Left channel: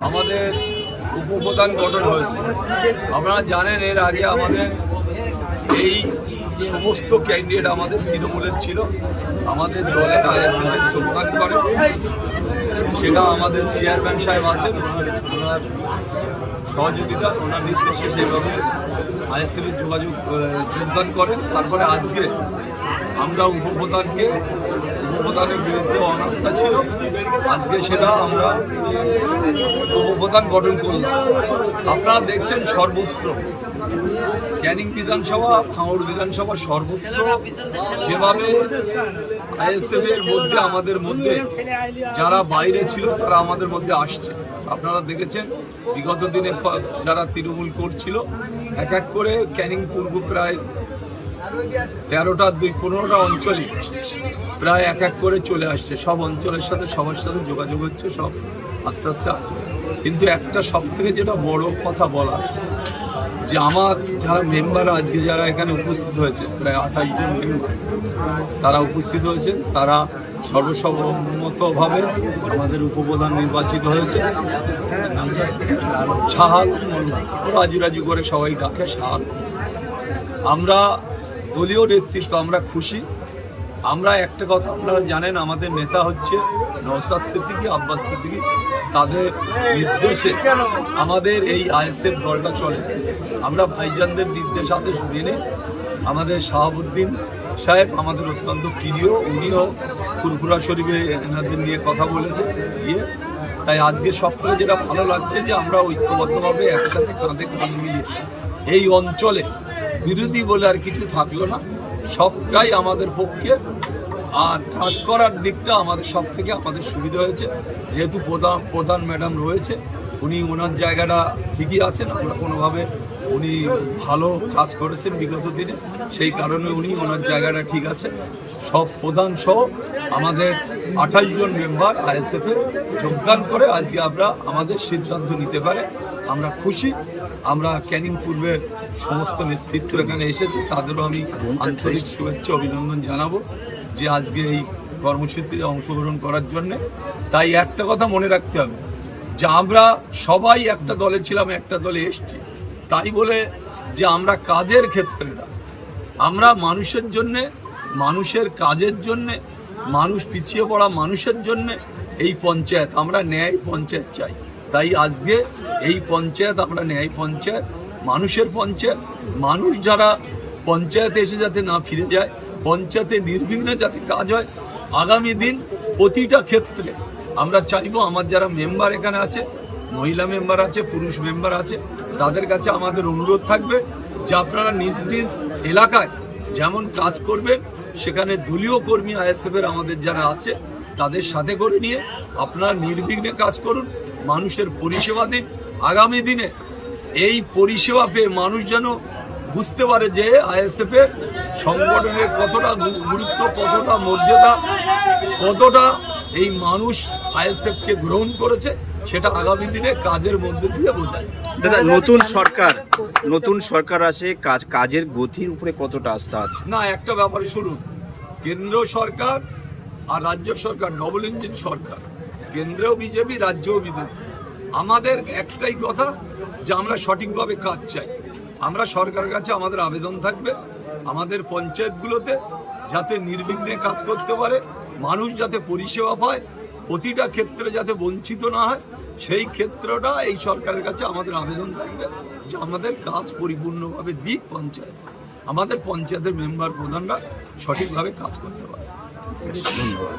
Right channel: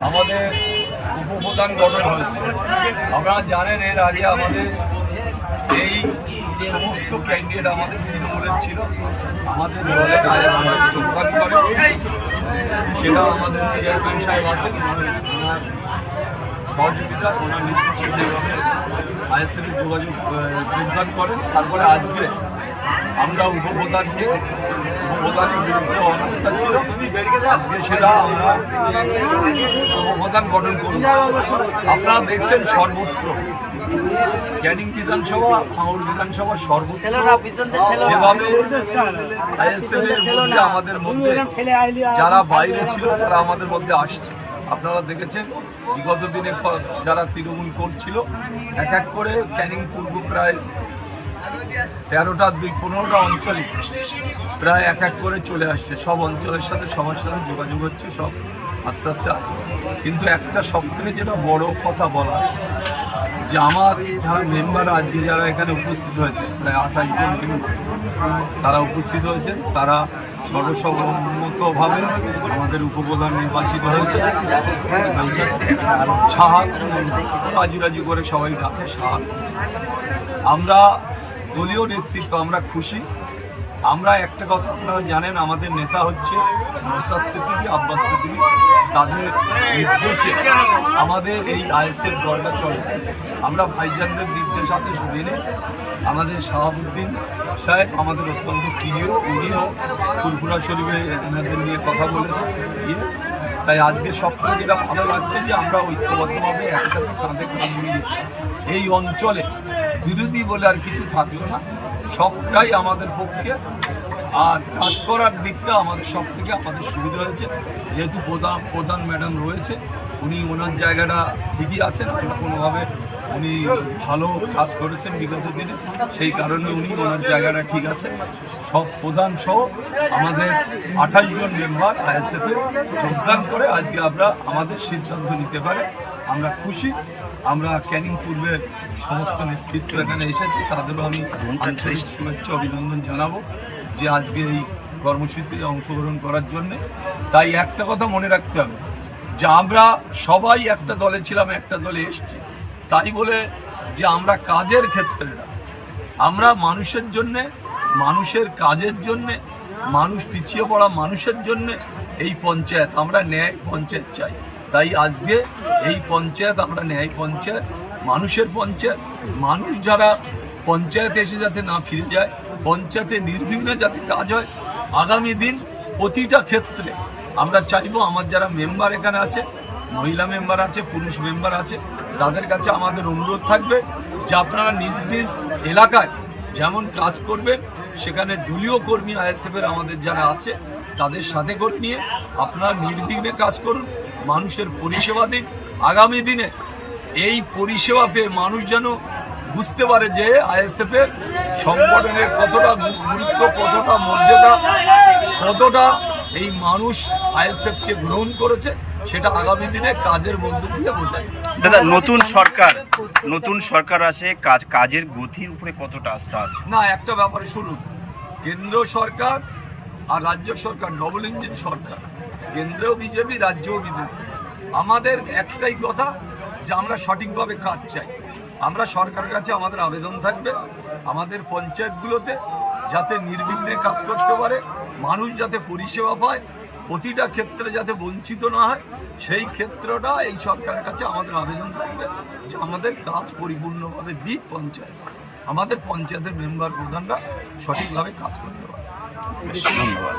আমাদের উপপ্রধান গঠন হয়েছে। আপনারা জানেন এর আগে আমাদের এই সমস্ত ক্যান্ডিডেট আমাদের তৃণমূলের ছিল, আমাদের দলের আইএসএফের যোগদান করে। সেটা আমাদের চেয়ারম্যান সাহেব আছেন, ওনার সহযোগিতা, ওনার নির্দেশে সেইভাবে আইএসএফের যোগদান করেন। তারপরে আজকে আমরা উপপ্রধানের বিরুদ্ধে অনাস্থা ছিল, আজকে সেটা আমরা উপপ্রধান গঠন করলাম। আপনারা দেখছেন সর্বত্র ক্যানিং বিধানসভা, ভাঙড় বিধানসভা সর্বত্র যেভাবে আইএসএফের মধ্যে আমাদের মধ্যে যারা বাইরে ছিল তারা আমাদের মধ্যে আসছে। আপনারা দেখেছেন বিগত দিনে যারা তৃণমূল করছিল এক এক করে ক্যানিং পূর্ব প্রায় 13টা 15টা অঞ্চলে প্রায় এক এক করে চলে আসছে। সব অঞ্চলের সাথে সবার সাথে যোগাযোগ হচ্ছে, সব আস্তে আস্তে আসবে। কিন্তু একটা সবথেকে যেটা বড় কথা বলা, যে আমার যারা মেম্বার আজকে যারা এখানে উপস্থিত হয়েছে প্রায় 28 জন মেম্বার তারা উপস্থিত হয়েছেন, তারা সর্বসম্মতভাবে আমাদের উপপ্রধান নির্বাচিত হয়েছে। সাহাল রাজু করে সবাই ডাকে সাহাল। আমরা দলীয় নেতৃত্ব আমরা খুশি। আমরা একটা কথা আপনারা জানেন, আমাদের নেতা হচ্ছে নওশাদ সিদ্দিকী, আব্বাস সিদ্দিকী, তাদের নির্দেশে আমাদের এই আইএসএফ দলটা চলে। আমরা ভাইজানদের নির্দেশাদেশ মেনে আমাদের শাহাবুদ্দিন সাহেব আমাদের অত্যন্ত প্রিয়, উনিও ফুরফুরা শরীফে এনাদের নিয়ে কথা বলেছে তাই আজকে সবথেকে যেটা ভালো লাগছে যে আমরা ঐক্যবদ্ধভাবে একসাথে কাঁধে কাঁধ মিলিয়ে এই অঞ্চলে বিরোধী বলে আর কিছু থাকলো না, সবটাই আমাদের পক্ষে। আর কাজ করার দিকটা আমাদের সব থেকে আমাদের সুবিধা হয়েছে, যেহেতু প্রধান ম্যাডাম রয়েছে, উনি ওনার জায়গাটা ঠিকই আছেন। আমরা কোনোভাবে উনি ভালো কাজ করেছেন বিগত দিনে, সেই কারণে উনি ওনার জায়গাটা ঠিক আছে। সব প্রধান সহ আমাদের 28 জন মেম্বার আইএসএফে যোগদান করে আজকে আমরা আমাদের সিদ্ধান্ত নিতে পারে আমরা খুশি। আমরা ক্যানিং পূর্বের সমস্ত নেতৃত্ব এখানে এসেছে, তাদেরও আমি আন্তরিক শুভেচ্ছা অভিনন্দন জানাবো যে আজকে এই কর্মসূচিতে অংশগ্রহণ করার জন্যে। তাই একটা কথা মনে রাখতে হবে যে আমরা সবাই একটা দলে ছিলাম, একটা দলে এসছি, তাই বলে যে আমরা কাজের ক্ষেত্রে না, আমরা মানুষের জন্যে, মানুষের কাজের জন্যে, মানুষ পিছিয়ে পড়া মানুষের জন্যে এই পঞ্চায়েত, আমরা ন্যায় পঞ্চায়েত চাই। তাই আজকে এই পঞ্চায়েত আমরা ন্যায় পঞ্চায়েত, মানুষের পঞ্চায়েত, মানুষ যারা পঞ্চায়েতে এসে যাতে না ফিরে যায়, পঞ্চায়েতে নির্বিঘ্নে যাতে কাজ হয়। আগামী দিন প্রতিটা ক্ষেত্রে আমরা চাইবো আমার যারা মেম্বার এখানে আছে, মহিলা মেম্বার আছে, পুরুষ মেম্বার আছে, তাদের কাছে আমাদের অনুরোধ থাকবে যে আপনারা নিজ নিজ এলাকায় যেমন কাজ করবেন, সেখানে দলীয় কর্মী আইএসএফের আমাদের যারা আছে তাদের সাথে করে নিয়ে আপনারা নির্বিঘ্নে কাজ করুন, মানুষের পরিষেবা দিন। আগামী দিনে এই পরিষেবা পেয়ে মানুষ যেন বুঝতে পারে যে আইএসএফের সংগঠনের কতটা গুরুত্ব, কতটা মর্যাদা, কতটা এই মানুষ আইএসএফকে গ্রহণ করেছে, সেটা আগামী দিনে কাজের মধ্যে দিয়ে বোঝায়। দাদা, নতুন সরকার আসে, কাজের গতির উপরে কতটা আস্থা আছে? না, একটা ব্যাপারে শুনুন, কেন্দ্র সরকার আর রাজ্য সরকার ডবল ইঞ্জিন সরকার, কেন্দ্রেও বিজেপি, রাজ্যেও বিজেপি। আমাদের একটাই কথা যে আমরা সঠিকভাবে কাজ চাই। আমরা সরকারের কাছে আমাদের আবেদন থাকবে আমাদের পঞ্চায়েতগুলোতে যাতে নির্বিঘ্নে কাজ করতে পারে, মানুষ যাতে পরিষেবা পায়, প্রতিটা ক্ষেত্রে যাতে বঞ্চিত না হয়, সেই ক্ষেত্রটা এই সরকারের কাছে আমাদের আবেদন থাকবে যে আমাদের কাজ পরিপূর্ণভাবে দিক পঞ্চায়েত, আমাদের পঞ্চায়েতের মেম্বার প্রধানরা সঠিকভাবে কাজ করতে পারে। ধন্যবাদ।